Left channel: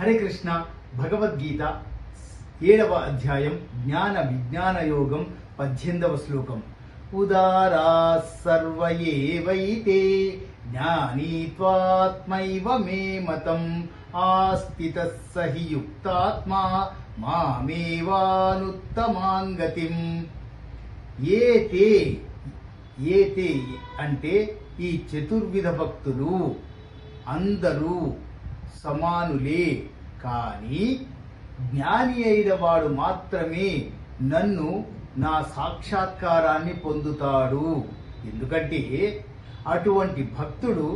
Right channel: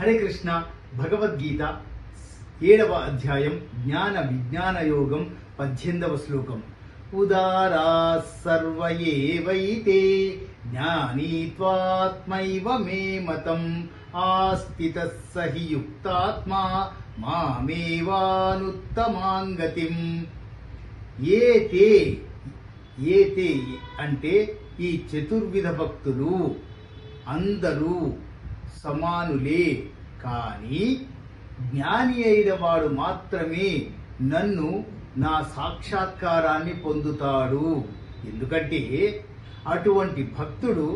హరే కృష్ణ భగవద్గీత 7వ అధ్యాయం జ్ఞాన విజ్ఞాన యోగం 18వ శ్లోకం. ఉదారా సర్వ ఏవైతే జ్ఞానీ త్వాత్మైవ మే మతం ఆస్థితః సహి యుక్తాత్మా మామేవానుత్తమాం గతిం. ఏతే అంటే ఈ చతుర్విధ భక్తులు అందరూ సమానులే, కానీ జ్ఞాని అయిన వాడు మాత్రమే నన్ను నా సాక్షాత్కారాన్ని పొందుతాడు. ఎందుకంటే అటువంటి భక్తుడు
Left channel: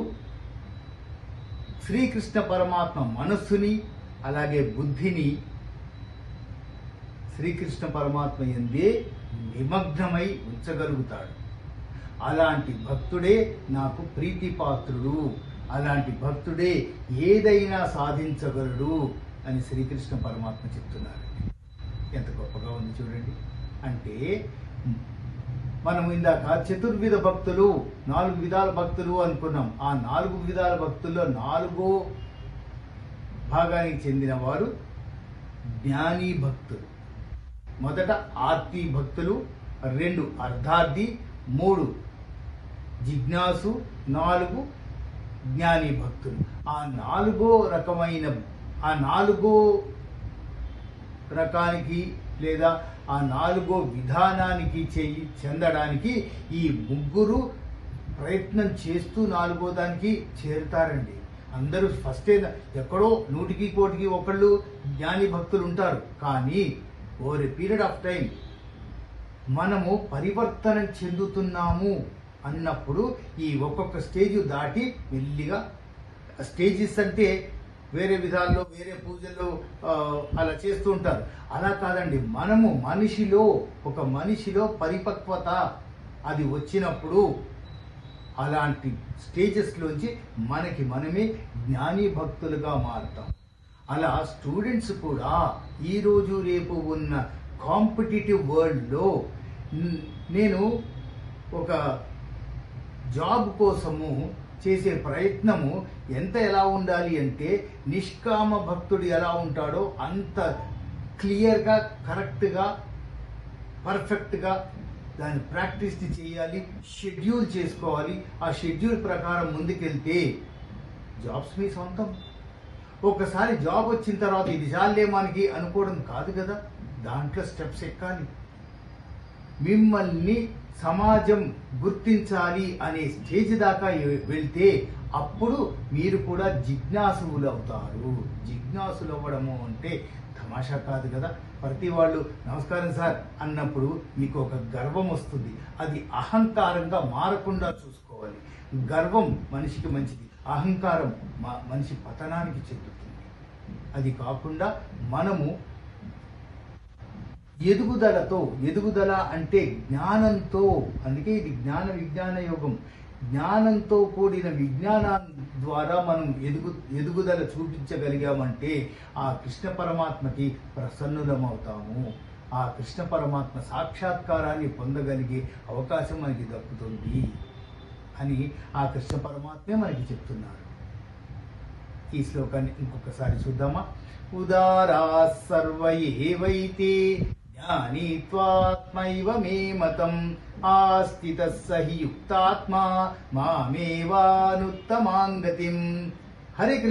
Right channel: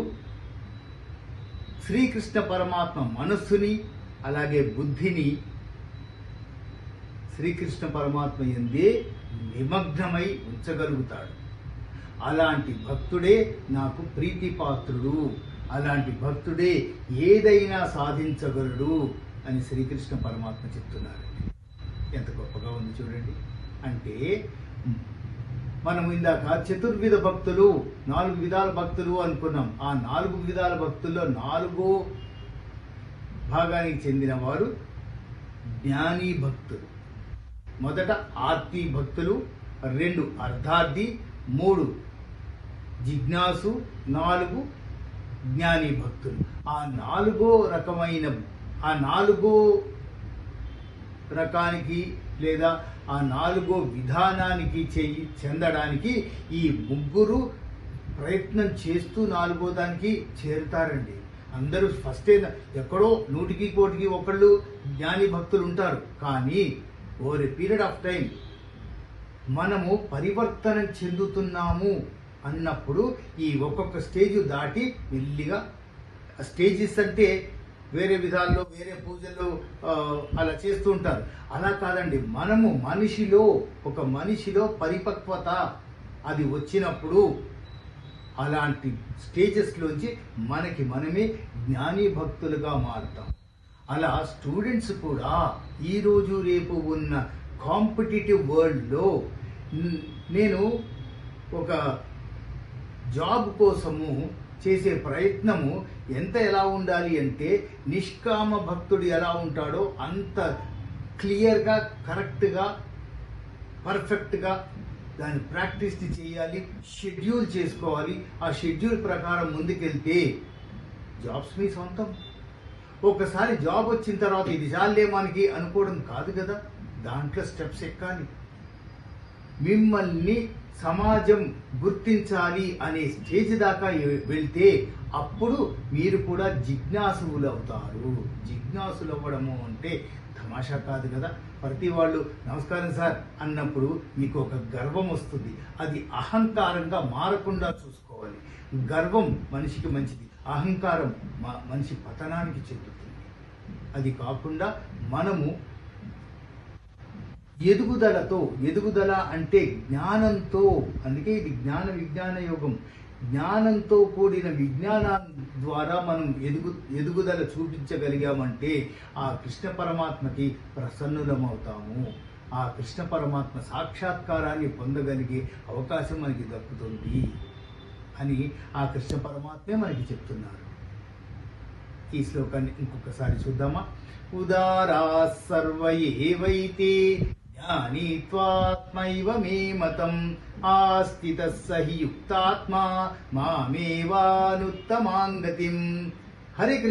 శ్రీకృష్ణ పరమాత్మ మనస్సుని అలాగే బుద్ధిని శ్రీకృష్ణ పరమాత్మ యందే నిమగ్నమై ఉంచగలుగుతాడు. అలాంటి భక్తుడే నాకు ప్రీతిపాత్రుడు, అలాంటి భక్తుడే ఏదైనా సాధించగలడు అని శ్రీకృష్ణ పరమాత్మ చెప్తున్నారు. ఎంత గొప్పగా ఉంది చూడండి. అంటే మనం ఇందాక చతుర్విధ భక్తులు 4 విధాల భక్తులు అనుకున్నాం. ఆ 4 విధాల భక్తుల్లో 4వ భాగానికి చెందినవాడు జ్ఞాని భక్తులు. మొదట ఆర్తి భక్తులు, 2 అర్ధార్థి, 3 జిజ్ఞాసు, 4 జ్ఞాని భక్తులు. ఆ 4వ రకానికి లేదా ఆ 4వ విధానానికి చెందడానికి ఈ ముగ్గురు ప్రయత్నం చేస్తూ 4వ దానికి చేరుతారండి. అందరూ ఫస్ట్ ఎక్కడో 100కి 1 ఒకళ్ళు జ్ఞాని భక్తులు ఉంటారు. కానీ over a period of time మనము పరివర్తన చెందుతున్నాము అన్నప్పుడు ఈ ఒక్కొక్క స్టేజ్ దాటి మెల్లిగా, స్టేజెస్ అంటే వేరే విధాల్లో వేరే పూజల్లో అలా చేస్తూ ఉంటారు. అలా కాదండి, మనము ఒక మనిషిలో పరిపక్వత అది వచ్చినప్పుడు అలాంటి స్టేజెస్ లోంచి మనమే జ్ఞాని భక్తులుగా మారుతాం. అలా స్టూడెంట్స్ కూడా ఈ రోజు రేపు ఉన్న కాంపిటేటివ్ వరల్డ్ లో నేను ఒక జాబ్ కోసము చేసే ప్రయత్నము ఎలా ఉండాలి అంటే నిష్కామ భక్తుడు ఎలా ఉంటాడో అంత క్లియర్ గా, కరెక్ట్ గా, పర్ఫెక్ట్ గా దాన్ని ప్రాక్టీస్ చేయాలి, షెడ్యూల్ చేసుకోవాలి. ఆ షెడ్యూల్ ప్రకారం ముందుకెళ్తే జాబ్స్ మీ సొంతం. ఒకసారి జాబ్ వచ్చిన తర్వాత ఇది చాలే మనకి అనుకోవడం కాదు కదా, దాంట్లో స్టెప్స్ ఎక్కాలి. మిమ్మల్ని సమాజం గుర్తించాలి అనే స్టేజ్ దాకా వెళ్తే అప్పుడు మీరు కూడా జిజ్ఞాసులు అవుతారు. జిజ్ఞాసులు అవ్వడము అంటే తమాషా కాదు కదా. ప్రతి వాళ్ళు నమస్కారం సార్ అన్నప్పుడు మీకు ఒక గర్వం వస్తుంది. అది అహంకారంగా మారకుండా చూసుకోవాలి. గర్వం మనిషికి మంచిది, అహంకారం మనిషి పతనానికి చెందుతుంది. అది కాకుండా మనము ఎదుగుదల అంటే జ్ఞానంతో, అందుకే ఇది జ్ఞాన విజ్ఞాన యోగం. జ్ఞానంతో కూడిన విజ్ఞానం ద్వారా మనం ఎదుగుదల చూపించగలిగామంటే ఆ కృష్ణ పరమాత్మకి ప్రసన్నులమవుతాము. ఆ కృష్ణ పరమాత్మ సాక్షాత్కారాన్ని పొందగలిగే అవకాశం మనకి దక్కుతుంది అని ఆ కృష్ణ పరమాత్మే మనకి చెప్తున్నారు. ఈ శ్లోకాన్ని ఇంకొకసారి చూద్దామా. ఉదారా సర్వ ఏవైతే జ్ఞానీ త్వాత్మైవ మే మతం ఆస్థితః సహి యుక్తాత్మా మామేవానుత్తమాం గతిం. హరే